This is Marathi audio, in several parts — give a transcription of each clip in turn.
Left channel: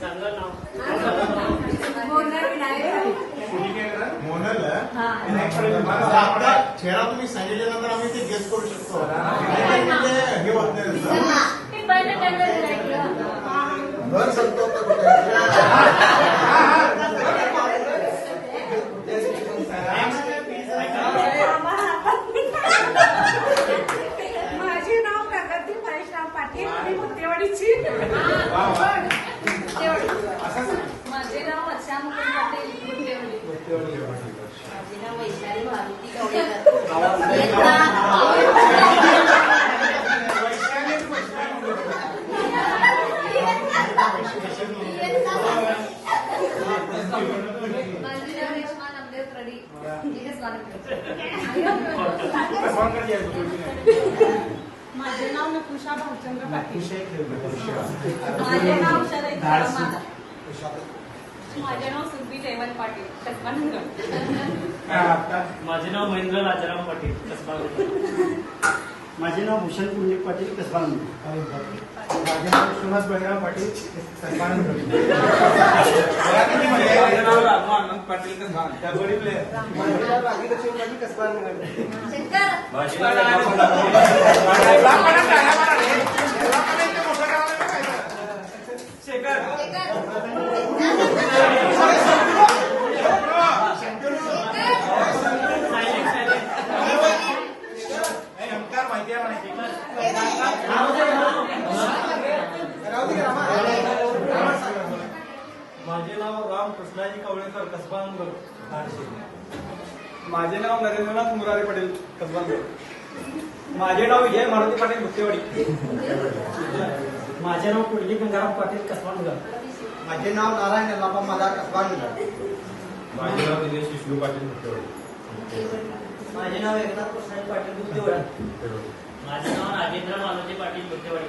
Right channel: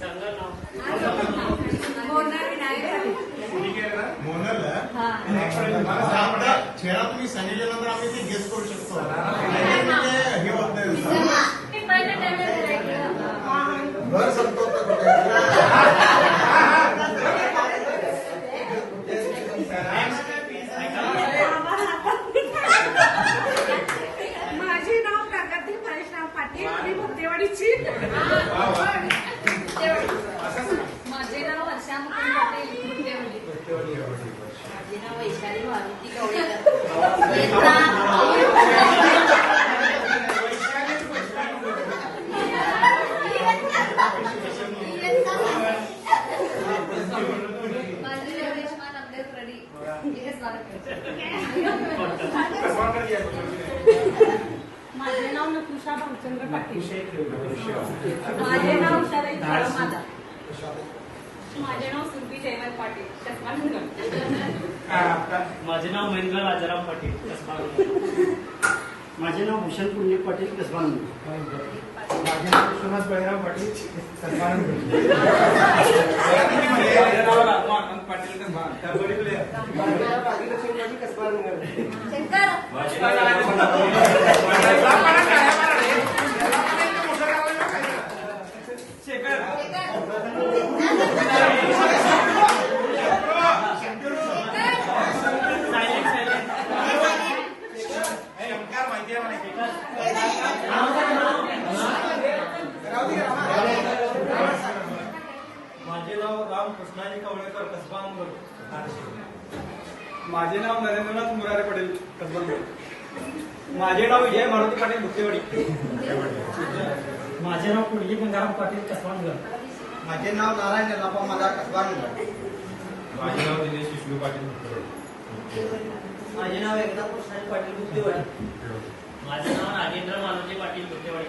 चांगलं नाव मोनल मला सांगता खेळा तुम्ही सांगितल्यानंतर आम्ही ते गेस करू शकतो म्हणजे हे होत नाही घर संतोष माझे नाव प्रगती परेशराम पाटील मी मुद्देवाडीची माझे नाव वर्षा मुकुंद पाटील गुंडेवली. माझे नाव वैशाली भानुती गवळेकर इयत्ता माझे नाव रेश्मा नंदेश रडी इथेच बालक माझे नाव नकुशा भाऊचंद्र पाटील माझे नाव उषाताई माझा नाव सुरभी जयवंत पाटील माझे नाव महेंद्र राजाराम पाटील कसबा माझे नाव भूषण पुंडलिक पाटील कसबा माझे नाव सुहास बळीराम पाटील माझं नाव मग पाटील कसबा कबड्डी प्लेअर माझे नाव राम कृष्णाजी कवळेकर कसबा नंबर माझे नाव नरेंद्रनाथ मुरारे पाटील कसबा माझे नाव विजय मारुती पाटील मुक्तेवाडी. माझे नाव कुंडली गंगाराम पाटील कसबा नगर. माझे नाव नारायण यल्लापा मला कसबा माझे नाव दिनेश विष्णू पाटील मुक्तेवाडी. माझे नाव एकनाथ कृष्णाजी पाटील गुप्तेवाडी माझे नाव नागेंद्र मानवजी पाटील बुद्धेवाडी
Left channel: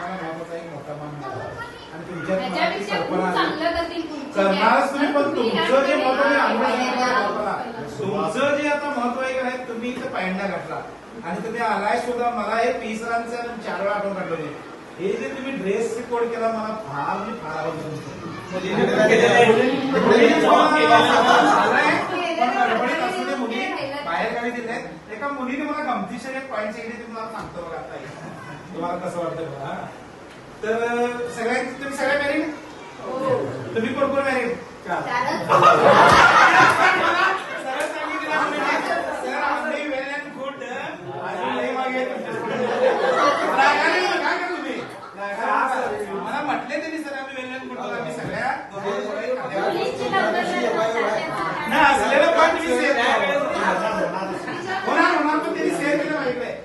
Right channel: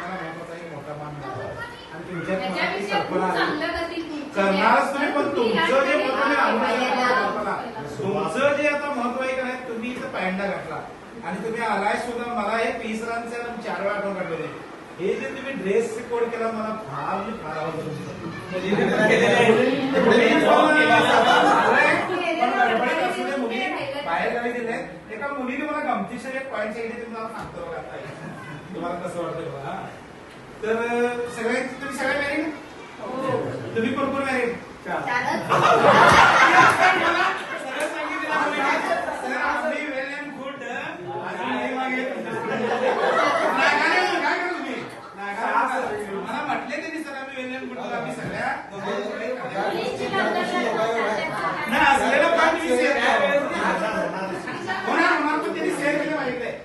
करणारच तुम्ही पण तुमचं जे आहे अनुषंगाने तुमचं जे आता महत्त्व आहे का नाही तुम्ही इथं पायंडा घातला. आणि तुम्ही आलाय सुद्धा मला हे तीस रनचं चार वेळा आठवण काढले हे जे तुम्ही ड्रेस कोड केला मला फार म्हणजे फार आहे. असू दे मुली बाहेर गावी दिले. एका मुलीने मला गमतीशीर एक पॉईंट सांगितले ते मला सांगतो. तुम्हाला कसं वाटतं बघा. तर अं, सगळे तुम्ही सगळे मॅरिड तुम्ही कोण मॅरिड सरळ तुम्ही? मला. म्हटले तुम्ही सर आम्ही well आम्ही सगळ्या असलेलं पण तुम्ही होणार होणार पण त्यांनी सेव्ह केलं आहे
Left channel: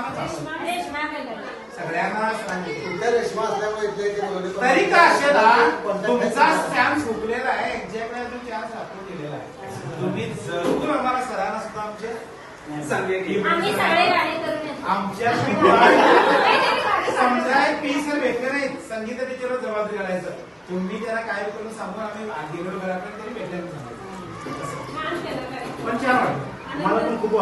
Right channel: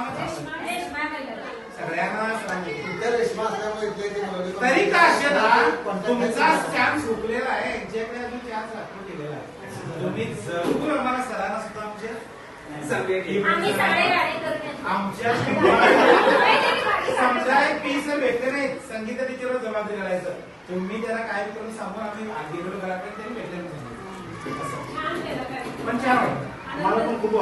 हे रेशमानं रेश्मा? सगळ्यांना सांगितलं. असल्यामुळे तरी तुमचा चान्स हुकलेला आहे यांच्याकडे अजून गेलेला आहे तुम्ही जरूर आम्हाला सरांना सुद्धा आमचे येतो. आमच्या समजा पीस भेटले नाहीत संगीत टीचर जबाबदारी करायचं तुम्ही त्याला काय करून सांगून आम्ही आदिरोड घराकडे तरी भेटले म्हणून सांगायचं. असं. पण छान खूप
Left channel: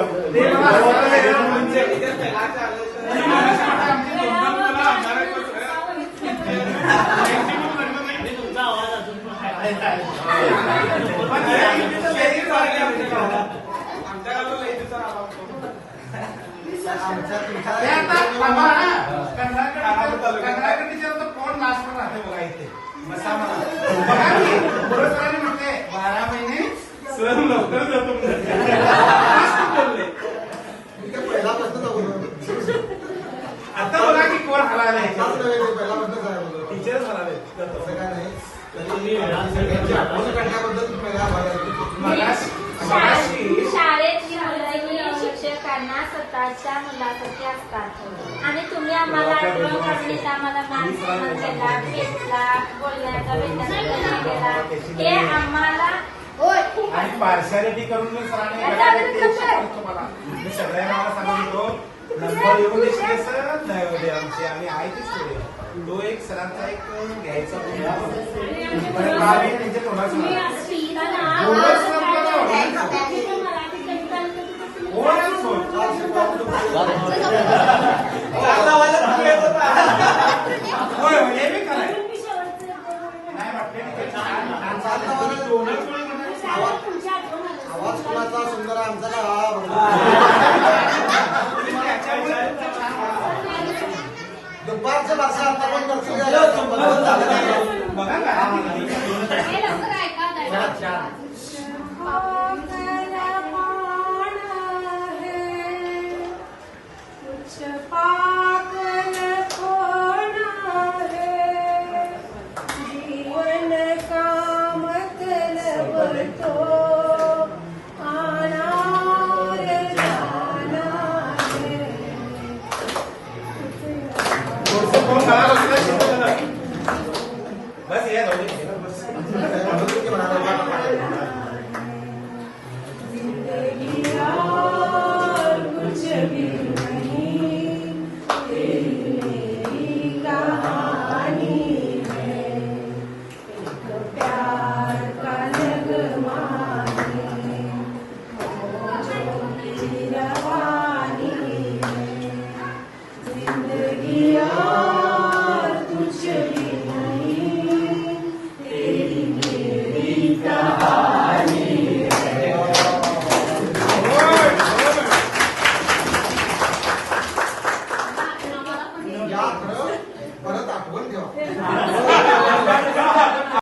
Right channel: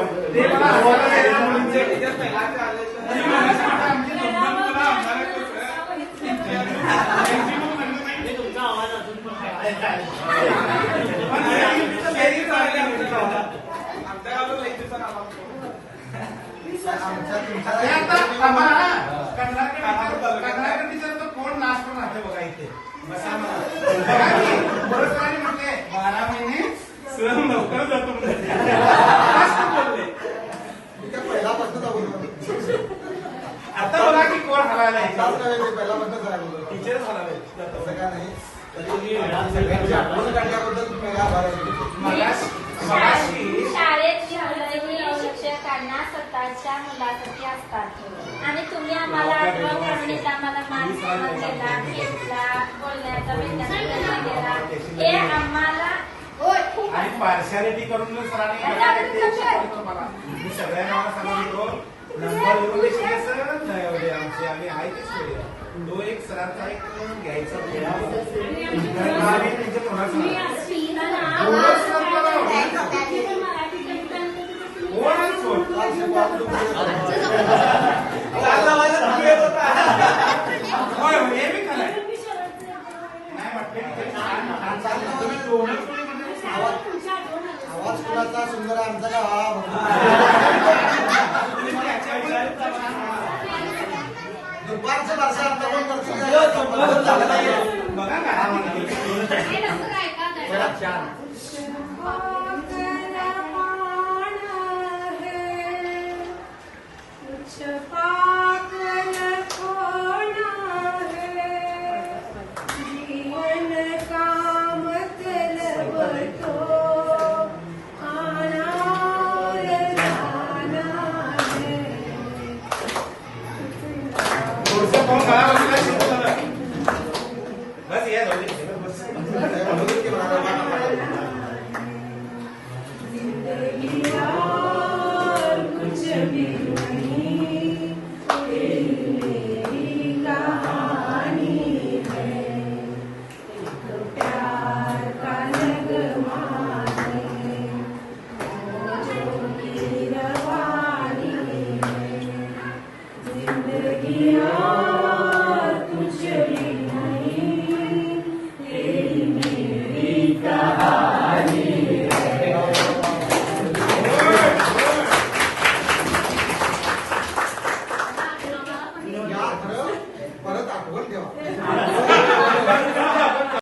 कोण नाश पण राहते बघा इथे बघा शाळेत शिक्षकांना स्वतःच्या मुलासाठी असतात आणि तुम्ही आम्हाला आठवण काढणीत आम्हाला घेतला बोलण्याचा वेतन हे आम्हाला पार्शालिटी करून जर सरांनी तुम्हाला. मी सगळ्यांना सांगितलो हो, नंबर येऊ दे सर. नाही होते आमचे आम्ही आहे ते करूया. तो एक सरांचा एक घ्यायचा बोलच मागच्या वर्षाला Hallelujah.